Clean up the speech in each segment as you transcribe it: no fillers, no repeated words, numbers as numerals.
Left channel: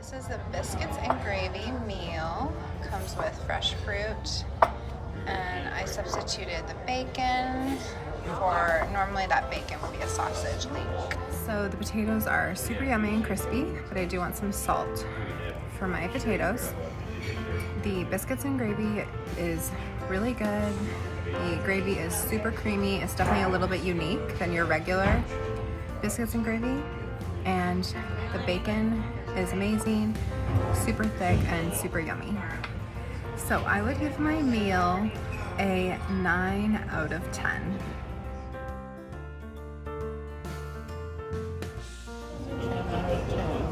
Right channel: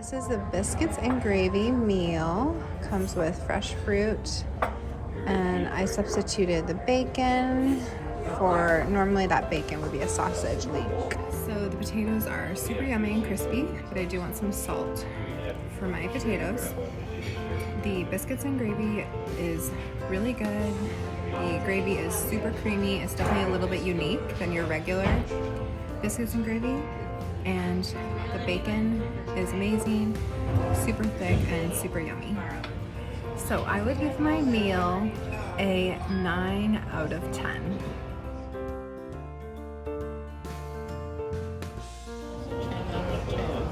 This is the biscuits and gravy meal. Comes with fresh fruit, and I substituted the bacon for, normally that bacon would be a sausage link. So the potatoes are super yummy and crispy, but I do want some salt for my potatoes. The biscuits and gravy is really good. The gravy is super creamy. It's definitely a little bit unique than your regular biscuits and gravy. And the bacon is amazing, super thick and super yummy. So I would give my meal a 9 out of 10. 10 out of 10.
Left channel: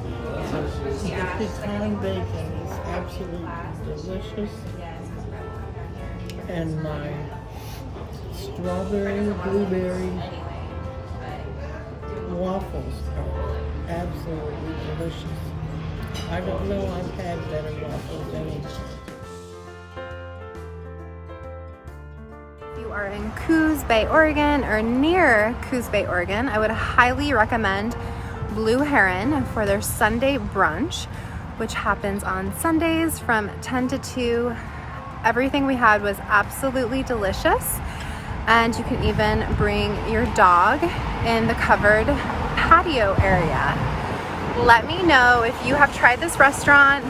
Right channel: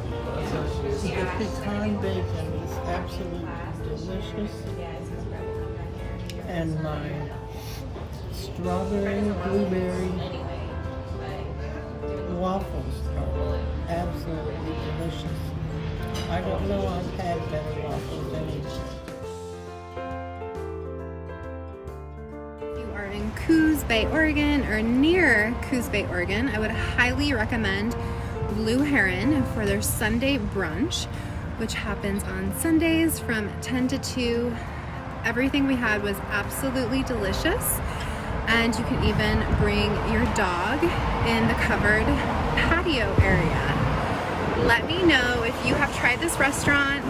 The pecan bacon is absolutely delicious. And my strawberry blueberry waffles are absolutely delicious. I don't know I've had better waffles anyway. If you are in Coos Bay, Oregon, or near Coos Bay, Oregon, I would highly recommend Blue Heron for their Sunday brunch, which happens on Sundays from 10 to 2. Everything we had was absolutely delicious, and you can even bring your dog in the covered patio area. Let me know if you have tried this restaurant